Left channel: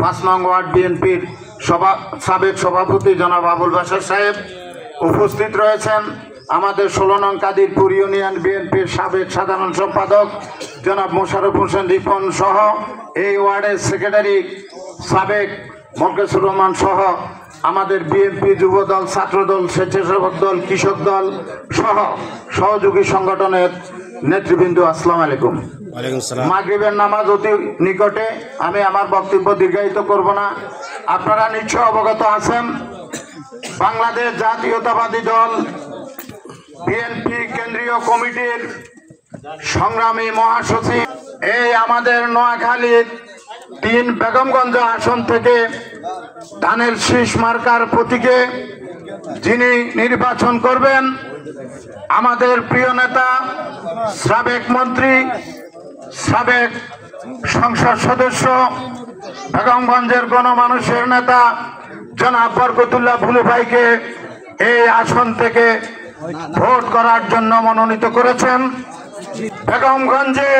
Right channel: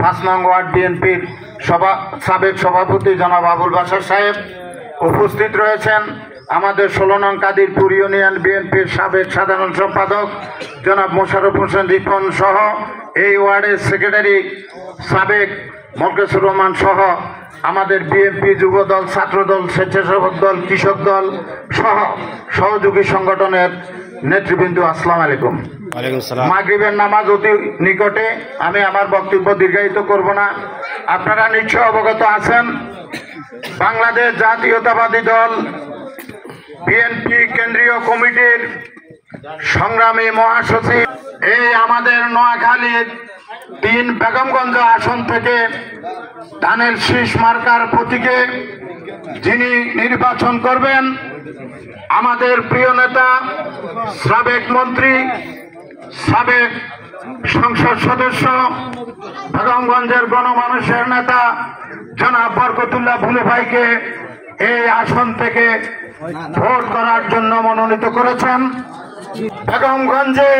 5 নং ওয়ার্ড বিএনপির সাবেক সভাপতি জনাব আবুল বাশার সাহেব উপস্থিত রয়েছেন। আমাদের 16 নং কাদিরপুর ইউনিয়ন বিএনপির সাবেক সাধারণ সম্পাদক জনাব মোশাররফ হোসেন রিপন সহ এই ওয়ার্ডের সেক্রেটারি সাবেক মোরকেসুর রহমান সহ আমাদের বিএনপি যুবদল, ছাত্রদল, স্বেচ্ছাসেবক দল, কৃষক দল সহ সহযোগী সংগঠনের নেতৃবৃন্দ, আসসালামু আলাইকুম। মাগরিবের নামাজ অতি নিকটে, আমি আমার বক্তব্য দীর্ঘায়িত করব না। আপনারা নিশ্চয় অবগত আছেন, বাংলাদেশ জাতীয়তাবাদী দল বিএনপি কেন্দ্রীয় কমিটির সংগ্রামী মহাসচিব এই আমাদের নোয়াখালীর 3 বেগমগঞ্জ আসন থেকে ধানের শীষ মার্কার প্রতীকে যিনি নির্বাচন করবেন, আমাদের প্রিয় নেতা, সাবেক মন্ত্রী, সাবেক সংসদ সদস্য, বেগমগঞ্জের গণমানুষের নেতা জনাব বরকতুল্লাহ ভুলু ভাইকে এই আসন থেকে ভোট করার জন্য মনোনীত করেছেন। বেগমগঞ্জে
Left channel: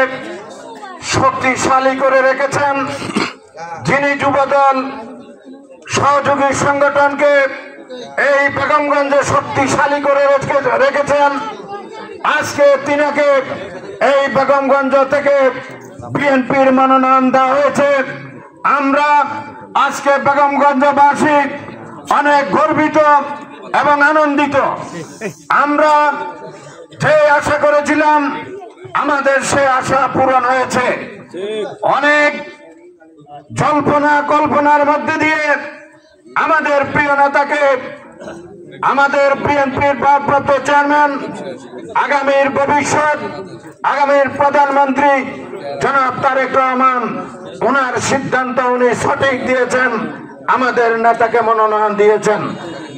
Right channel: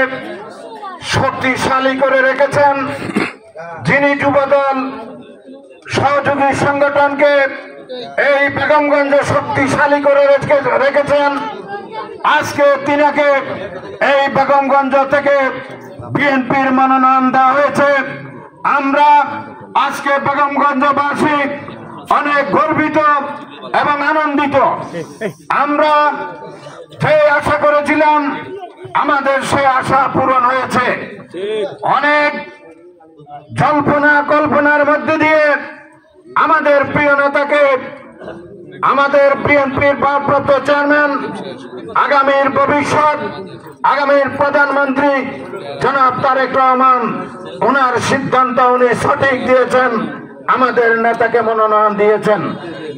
শক্তিশালী করে রেখেছেন যিনি যুবদল সহযোগী সংগঠনকে এই বেগমগঞ্জে শক্তিশালী করে রেখেছেন। আজকে তিনাকে এই বেগমগঞ্জ থেকে বিএনপির মনোনয়ন দেওয়া হয়েছে। আমরা আজকে বেগমগঞ্জবাসী অনেক গর্বিত এবং আনন্দিত। আমরা যে আশা করেছিলাম আমাদের সে আশা পূরণ হয়েছে। অনেক জল্পনা কল্পনার মধ্যে দিয়ে আমাদের প্রিয় নেতাকে, আমাদের বিএনপির ভারপ্রাপ্ত চেয়ারম্যান, আগামীর ভবিষ্যৎ, আগামীর প্রধানমন্ত্রী জনাব তারেক রহমান, ওনার সিদ্ধান্ত উনি সঠিক দিয়েছেন, আমাদের নেতাকে মনোনয়ন দিয়েছেন।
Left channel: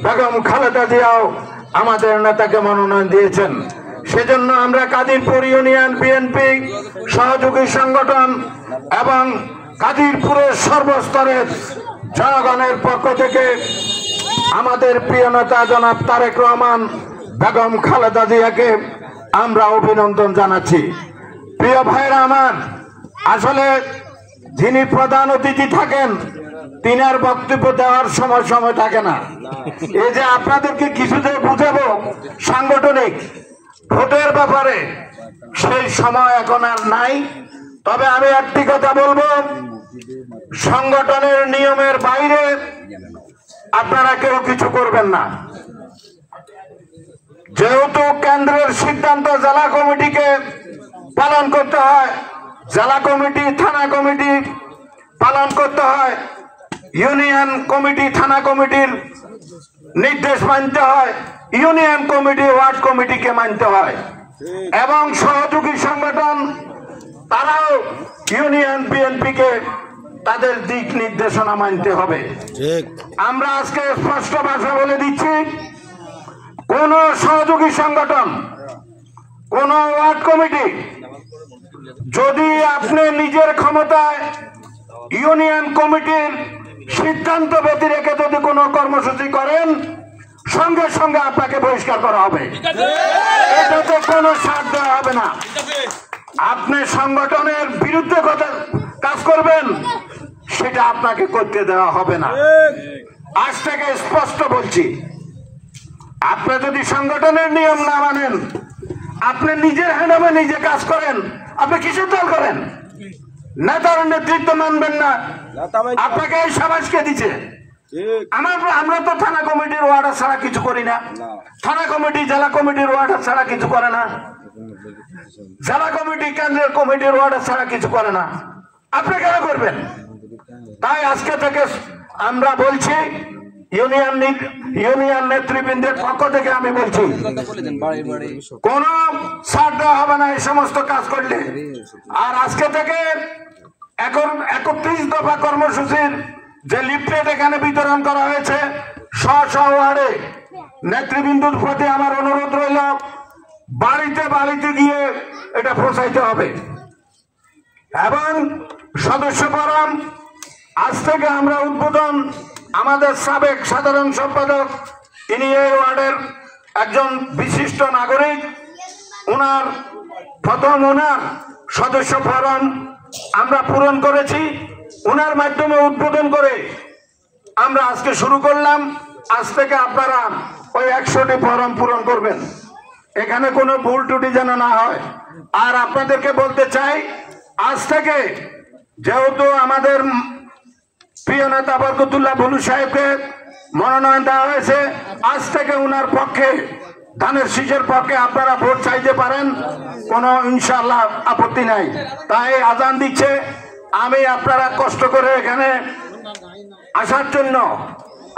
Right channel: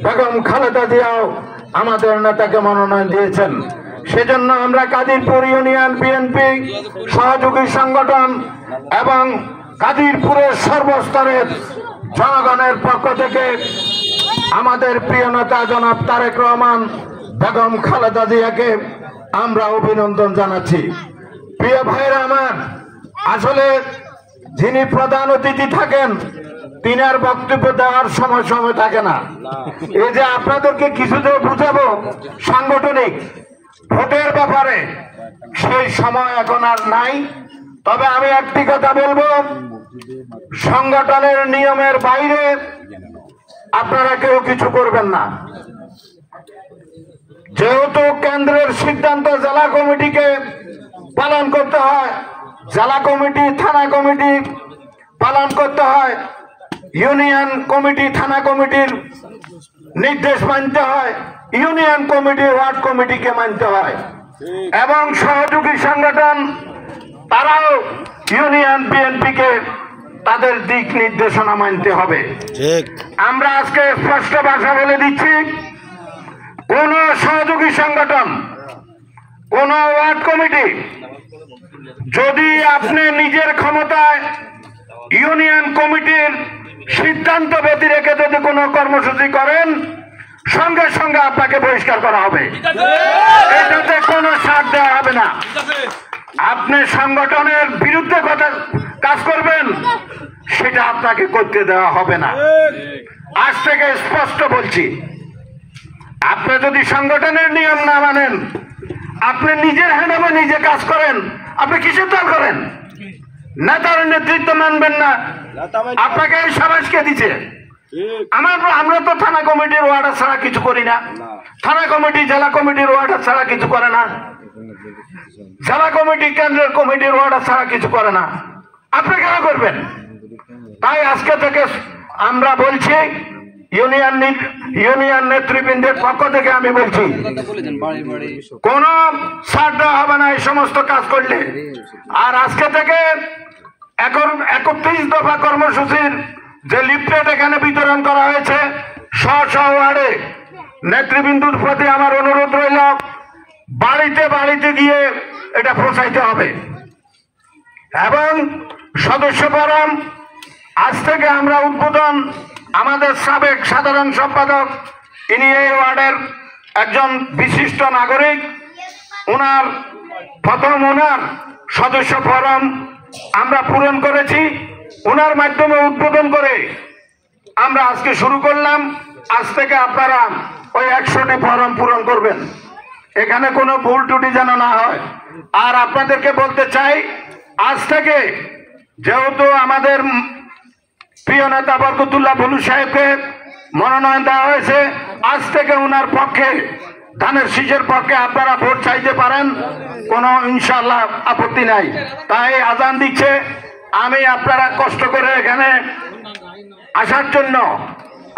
বেগম খালেদা জিয়াও আমাদের নেতাকে মনোনয়ন দিয়েছেন। সেজন্য আমরা কাদিরপুর ইউনিয়ন বিএনপি সহযোগী সংগঠন এবং কাদিরপুরের সর্বস্তরের জনগণের পক্ষ থেকে আমাদের প্রিয় নেতা জনাব তারেক রহমান, বেগম খালেদা জিয়াকে আমরা অভিনন্দন জানাচ্ছি। প্রিয় ভাইরা আমার, আসলে যিনি প্রধান অতিথি থাকেন তিনার বক্তব্য দেওয়ার সময় থাকে না। এই যে আপনাদেরকে কিছু যে বুঝাবো সাংগঠনিক ভোটের ব্যাপারে, সেই সময় এখন আর নাই। তবে আমি একটি কথা বলবো, সংগঠনের নিয়মের বাইরে আপনারা কেউ কিছু করবেন না। যেহেতু কেন্দ্রের সিদ্ধান্ত জেলা কমিটিকে পালন করতে হয়, জেলা কমিটি, থানা কমিটি পালন করতে হয়, ইউনিয়ন কমিটি, থানা কমিটির নির্দেশ মানতে হয়, ইউনিয়ন কমিটি, ওয়ার্ড কমিটিকে মানতে হয়, এবং সহযোগী সংগঠন তারাও ইউনিয়ন বিএনপিকে তাদের দিক নির্দেশনা মানতে হবে। আমরা আজকে স্পষ্ট ভাষা বলে দিচ্ছি, কোন সহযোগী সংগঠন, কোন ওয়ার্ড কমিটি যদি আপনি নিজের ক্ষমতায় ইউনিয়ন কমিটির সিদ্ধান্ত ব্যতি রেখে যদি কোনো কর্মসূচি করেন, সঙ্গে সঙ্গে আপনাকে বহিষ্কার করা হবে। এটাতে কোনো ছাড় দেওয়া হবে না। আপনি সংগঠনের বিরুদ্ধে কাজ করবেন, সেটা আপনাকে করতে দেওয়া হবে না। আজ থেকে স্পষ্ট বলছি, আপনি যদি সংগঠনের নিয়ম না মানেন, আপনি নিজের হ্যান্ডে নিজে কাজ করেন, আপনি কিসের দল করেন? নেতার নেতৃত্ব মানবেন না, আপনাকে এই সাবাসকে দিচ্ছে। আমরা তো থানা কমিটির ওয়ার্ডার ছাড়া কিছু করি না, থানা কমিটি জেলা কমিটির ওয়ার্ডার ছাড়া কিছু করে না, জেলা কমিটি কেন্দ্রের কমিটির ওয়ার্ডার ছাড়া কিছু করে না। আপনি কেন করবেন? তাই আজকে থেকে আমরা বলছি, ইউনিয়ন নেতৃবৃন্দের পক্ষ থেকে আমি বলছি, কোন ছাড় দেওয়া হবে না এই সমস্ত কাজ করলে। আর আজকে থেকে 31 দফা কর্মসূচির যে লিফলেট এখানে বিতরণ করা হয়েছে, স্ব ওয়ার্ডে নেতৃবৃন্দুর প্রতি আমার অনুরোধ রইল, বাড়িতে বাড়িতে গিয়ে এটা পৌঁছাইতে হবে। এবং সদস্য ফরম আজ থেকে আমরা উদ্বোধন, আমাদের সাবেক সাধারণ সম্পাদক, ইনি এই ওয়ার্ডের একজন বিশিষ্ট নাগরিক, ওনার সদস্য ফরম আমরা পূরণ করেছি। ওনার মাধ্যমে উদ্বোধন করে আমরা আজকে শুরু করলাম। আজ থেকে আপনারা ওই 100টি ফর্ম পূরণ করবেন, এখানে কোনো ভুল ত্রুটি যেন না হয়। আর আপনাদেরকে বলতে চাই, আজ থেকে যেহেতু আমাদের প্রিয় নেতা বরকতুল্লাহ বুলু সাহেবকে মনোনয়ন দেওয়া হয়েছে, আজ থেকে ওনার পক্ষে, ধানের শীষের পক্ষে আপনারা ভোট চাইতে পারেন, কোনো ইনশাআল্লাহ আপত্তি নাই। তাই আজান দিচ্ছে, আমি আপনারা কষ্ট করে এখানে আসার জন্য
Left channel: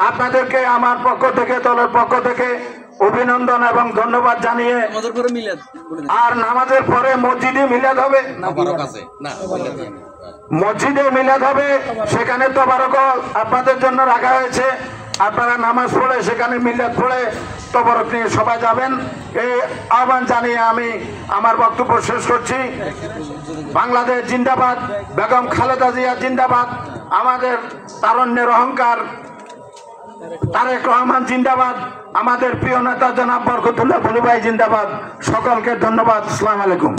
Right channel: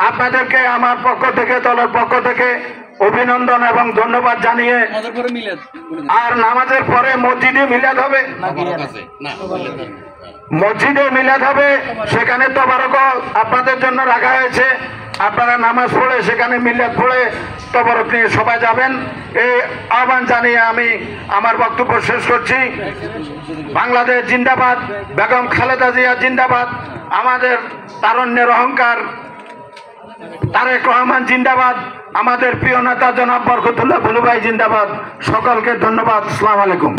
আপনাদেরকে আমার পক্ষ থেকে, দলের পক্ষ থেকে অভিনন্দন এবং ধন্যবাদ জানিয়ে, আর নামাজের পরে মসজিদে মিলাদ হবে, মসজিদে মিলাদ হবে, সেখানে তবারক আপনাদের জন্য রাখা হয়েছে। আপনারা নামাজ পড়ে সেখানে মিলাদ পড়ে তবারক নিয়ে সবাই যাবেন, এই আহ্বান জানিয়ে আমি আমার বক্তব্য শেষ করছি। বাংলাদেশ জিন্দাবাদ, বেগম খালেদা জিয়া জিন্দাবাদ, আমাদের তারুণ্যের অহংকার তারেক রহমান জিন্দাবাদ, আমাদের প্রিয় নেতা জনাব বরকতুল্লাহ বুলু ভাই জিন্দাবাদ। সকলকে ধন্যবাদ। আসসালামু আলাইকুম।